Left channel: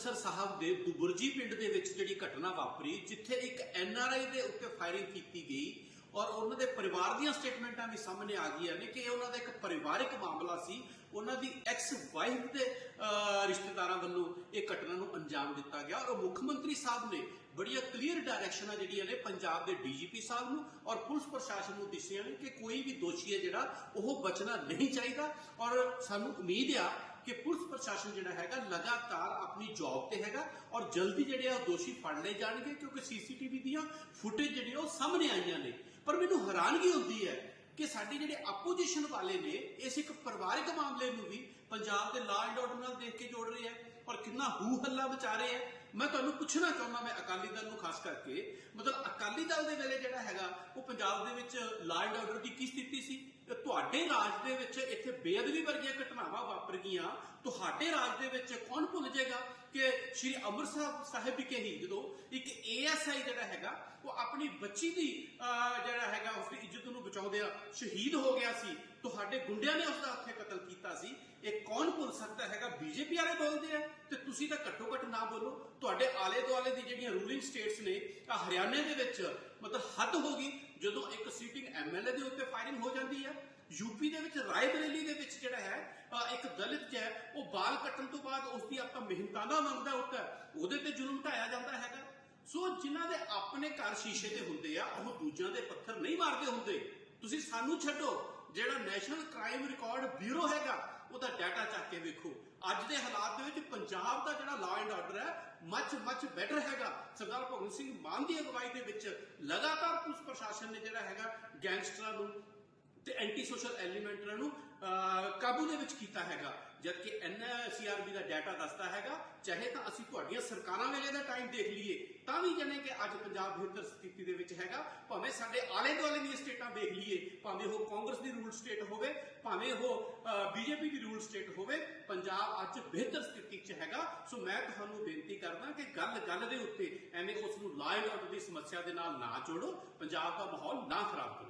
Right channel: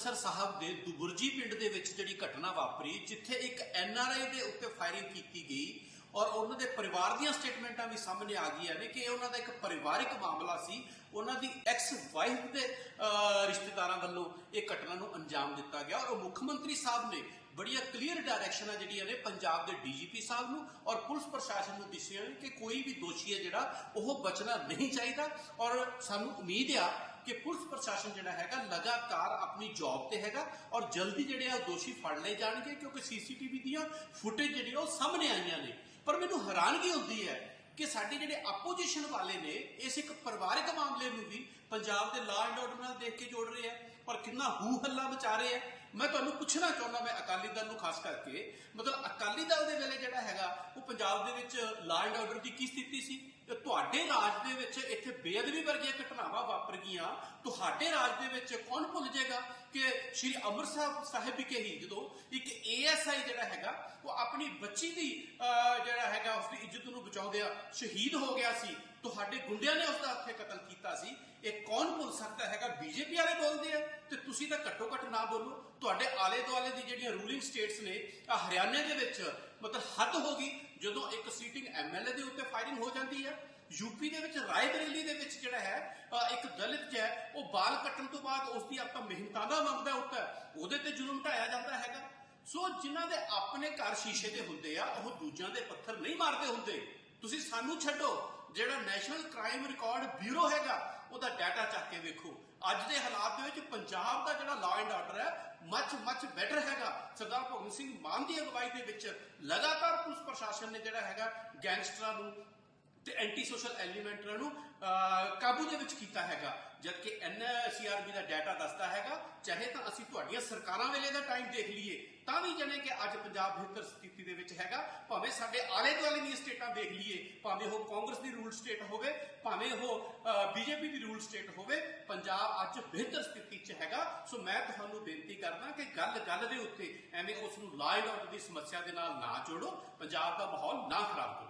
ਅੰਮ੍ਰਿਤਸਰ ਸਾਹਿਬ ਦੇ ਦੁਬੁਰਜੀ ਪਿੰਡ ਦੇ ਵਿੱਚ ਜਿਹੜੀ ਘਟਨਾ ਵਾਪਰੀ, ਜਿੱਥੇ ਇੱਕ ਐਨਆਰਆਈ ਦੇ ਉੱਤੇ ਫਾਇਰਿੰਗ ਕੀਤੀ ਗਈ ਔਰ ਉਹਨਾਂ ਦੇ ਪਰਿਵਾਰ ਦੀਆਂ ਸਟੇਟਮੈਂਟਾਂ ਵੀ ਸਾਹਮਣੇ ਆ ਗਈਆਂ ਨੇ ਕਿ ਇਹ ਉਹਨਾਂ ਦਾ ਇੱਕ ਪਰਿਵਾਰਿਕ ਮਾਮਲਾ ਸੀ। ਉਹਨਾਂ ਦੀ ਐਕਸ ਵਾਈਫ ਦੇ ਰਿਸ਼ਤੇਦਾਰਾਂ ਵੱਲੋਂ ਇਹ ਘਟਨਾ ਨੂੰ ਅੰਜਾਮ ਦਿੱਤਾ ਗਿਆ ਔਰ ਮੁੱਖ ਮੰਤਰੀ ਸਾਹਿਬ ਨੇ ਬੜੀਆਂ ਕਲੀਅਰ ਡਾਇਰੈਕਸ਼ਨਾਂ ਜਿਹੜੀਆਂ ਨੇ ਪੰਜਾਬ ਦੇ ਡੀਜੀਪੀ ਸਾਹਿਬ ਨੂੰ ਔਰ ਪੁਲਿਸ ਪ੍ਰਸ਼ਾਸਨ ਨੂੰ ਦਿੱਤੀਆਂ ਨੇ ਕਿ ਕੋਈ ਵੀ ਦੋਸ਼ੀ ਹੈ ਜਿਹੜਾ, ਉਹ ਬਚਣਾ ਨਹੀਂ ਚਾਹੀਦਾ ਔਰ ਸਾਨੂੰ ਉਮੀਦ ਆ ਕਿ ਪੁਲਿਸ ਪ੍ਰਸ਼ਾਸਨ ਜਿਹੜਾ ਹੈਗਾ ਲਗਾਤਾਰ ਆਪਣੀ ਜੌਬ ਤੇ ਹੈਗਾ ਔਰ ਜਲਦੀ ਜਿਹੜੇ ਆ ਉਹ ਦੋਸ਼ੀ ਫੜ ਲਏ ਜਾਣਗੇ ਕਿਉਂਕਿ ਸੀਸੀਟੀਵੀ ਦੀਆਂ ਫੁਟੇਜ ਜਿਹੜੀਆਂ ਉਹ ਸਾਹਮਣੇ ਆਈਆਂ ਨੇ। ਪਰ ਮੈਨੂੰ ਹੈਰਾਨਗੀ ਹੁੰਦੀ ਹੈ ਕਿ ਸਾਡੇ ਜਿਹੜੇ ਆਪੋਜੀਸ਼ਨ ਵਾਲੇ ਨੇ, ਇਸ ਇੱਕ ਪਰਿਵਾਰਿਕ ਮਾਮਲੇ ਨੂੰ ਵੀ ਪੰਜਾਬ ਦੇ ਲਾਅ ਐਂਡ ਆਰਡਰ ਨਾਲ ਦੇਖ ਕੇ ਜੋੜ ਰਹੇ ਆ, ਔਰ ਕਿੰਨਾ ਹੂ ਹੱਲਾ ਮਚਾ ਰਹੇ ਆ। ਮੈਂ ਤੁਹਾਨੂੰ ਪੁੱਛਣਾ ਚਾਹੁੰਦਾ ਮੈਂ ਅਕਾਲੀ ਦਲ ਨੂੰ ਖਾਸ ਕਰਕੇ ਮਤਲਬ ਅਕਾਲੀ ਦਲ ਦੇ ਵੇਲੇ ਜਿਹੜਾ ਹੈਗਾ ਉਹ ਪੰਜਾਬ ਦੇ ਵਿੱਚ ਲਾਅ ਐਂਡ ਆਰਡਰ ਦੀ ਕੀ ਸਥਿਤੀ ਸੀ? ਤੇ ਤੁਹਾਡੇ ਰਾਜ ਦੇ ਵਿੱਚ ਇੱਥੇ ਬੇਅਦਬੀ ਵਰਗੀਆਂ ਘਟਨਾਵਾਂ ਵਾਪਰ ਗਈਆਂ। ਤੁਹਾਡੇ ਰਾਜ ਦੇ ਵਿੱਚ ਕੌਣ ਭੁੱਲ ਜਾਏਗਾ ਕਿ ਸ਼੍ਰੀ ਅੰਮ੍ਰਿਤਸਰ ਸਾਹਿਬ ਵਿਖੇ ਹੀ ਜਦੋਂ ਇੱਕ ਏਐਸਆਈ ਜਿਹੜਾ ਹੈਗਾ ਉਹ ਆਪਣੀ ਬੱਚੀ ਦੀ ਅਹ, ਜਿਹੜਾ ਹੈਗਾ ਉਸ ਦੀ ਇੱਜ਼ਤ ਨੂੰ ਬਚਾਉਂਦਿਆਂ ਸ਼ਹੀਦ ਹੋ ਗਿਆ ਸੀ ਤੁਹਾਡੇ ਗੁੰਡਿਆਂ ਨੇ ਉਸ ਦਾ ਉੱਥੇ ਕਤਲ ਕੀਤਾ ਸੀ। ਇਹ ਕੌਣ ਭੁੱਲ ਸਕਦਾ ਹੈਗਾ? ਬੀਜੇਪੀ ਵਾਲੇ ਬੋਲਦੇ ਆ। ਤੇ ਤੁਸੀਂ ਤਾਂ ਘੱਟੋ ਘੱਟ ਨਾ ਬੋਲੋ। ਤੁਹਾਡੇ ਆਲੇ ਦੁਆਲੇ ਦੀ ਜਿਹੜੀਆਂ ਰੂਲਿੰਗ ਸਟੇਟਸ ਨੇ ਆ ਹਰਿਆਣੇ ਦੇ ਵਿੱਚ ਮਤਲਬ ਹੱਦ ਹੋ ਗਈ ਜਦੋਂ ਇੱਕ ਸੀਟਿੰਗ ਐਮਐਲਏ ਦੇ ਉੱਤੇ ਫਾਇਰਿੰਗ ਹੋ ਜਾਂਦੀ ਹੈ ਯੂਪੀ ਦੇ ਵਿੱਚ ਰਾਏ ਦੇ ਵਿੱਚ ਜਿਹੜਾ ਹੈ ਇੱਕ ਦਲਿਤ ਜਿਹਾ ਹੈ, ਉਹ ਬਾਲ ਕੱਟਣ ਤੋਂ ਬਾਅਦ ਉਸ ਦੀ ਆਪਾਂ ਮਿਹਨਤਾਨਾ ਮੰਗਦਾ ਉੱਤੇ। ਉਹਦੇ ਤੇ ਜ਼ੁਲਮ ਢਾਇਆ ਜਾਂਦਾ ਹੈਗਾ। ਸੋ ਜਿਨ੍ਹਾਂ ਦੇ ਆਪਣੇ ਘਰ ਸ਼ੀਸ਼ੇ ਦੇ ਹੁੰਦੇ ਆ ਉਹ ਦੂਜਿਆਂ ਦੇ ਪੱਥਰ ਨਹੀਂ ਮਾਰਦੇ ਹੁੰਦੇ। ਤੁਸੀਂ ਸਾਨੂੰ ਛੱਡੋ। ਜਿਹੜਾ ਨੈਸ਼ਨਲ ਕ੍ਰਾਈਮ ਰਿਕਾਰਡ ਬਿਊਰੋ ਹੈਗਾ, ਉਹਦਾ ਡਾਟਾ ਚੱਕ ਕੇ ਵੇਖੋ। ਅੱਜ ਦੇ ਹਾਲਾਤ ਦੇ ਵਿੱਚ ਪੰਜਾਬ ਦਾ ਜਿਹੜਾ ਲਾਅ ਐਂਡ ਆਰਡਰ ਹੈ ਮੱਚ ਮੱਚ ਬੈਟਰ ਹੈਗਾ। ਸਰਦਾਰ ਭਗਵੰਤ ਸਿੰਘ ਮਾਨ ਦੀ ਅਗਵਾਈ ਦੇ ਵਿੱਚ ਲਗਾਤਾਰ ਪੁਲਿਸ ਪ੍ਰਸ਼ਾਸਨ ਨੇ ਜਿਹੜਾ ਹੈਗਾ ਗੈਂਗਸਟਰਾਂ ਨੂੰ ਤੇ ਐਂਟੀ ਸੋਸ਼ਲ ਐਲੀਮੈਂਟਰਾਂ ਨੂੰ ਕਾਬੂ ਦੇ ਵਿੱਚ ਕੀਤਾ ਹੈਗਾ। ਜਦਕਿ ਐਨਸੀਆਰਬੀ ਦਾ ਡਾਟਾ ਦੱਸਦਾ ਹੈਗਾ, ਚਾਹੇ ਤਾਂ ਅਸੀਂ ਤੁਹਾਡੀਆਂ ਸਰਕਾਰਾਂ ਵੇਲੇ ਦਾ ਟਾਈਮ ਦੇਖ ਲਈਏ, ਤਾਂ ਵੀ ਜਨੇ ਕਿ ਅੱਜ ਪੰਜਾਬ ਬਿਹਤਰ ਸਥਿਤੀ ਦੇ ਵਿੱਚ ਹੈਗਾ। ਭਾਵੇਂ ਸਾਡੇ ਆਲੇ ਦੁਆਲੇ ਦੀਆਂ ਸਟੇਟਾਂ ਦੇਖ ਲਈਏ, ਭਾਵੇਂ ਉਹ ਕਾਂਗਰਸ ਦੀ ਰੂਲ ਸਟੇਟ ਹੋਵੇ, ਭਾਵੇਂ ਉਹ ਬੀਜੇਪੀ ਦੀ ਰੂਲ ਸਟੇਟ ਹੋਵੇ, ਪੰਜਾਬ ਅੱਜ ਬਿਹਤਰ ਸਥਿਤੀ 'ਚ ਹੈਗਾ। ਸੋ ਮੈਂ ਤੁਹਾਨੂੰ ਬੇਨਤੀ ਕਰਦਾ ਕਿ ਗੱਲ ਗੱਲ ਦੇ ਉੱਤੇ ਐਵੇਂ ਉਸ ਨੂੰ ਲਾਅ ਐਂਡ ਆਰਡਰ ਦੀ ਸਮੱਸਿਆ ਦੇ ਨਾਲ ਨਾ ਜੋੜੋ, ਪੰਜਾਬ ਦਾ ਮਾਹੌਲ ਨਾ ਖਰਾਬ ਕਰੋ।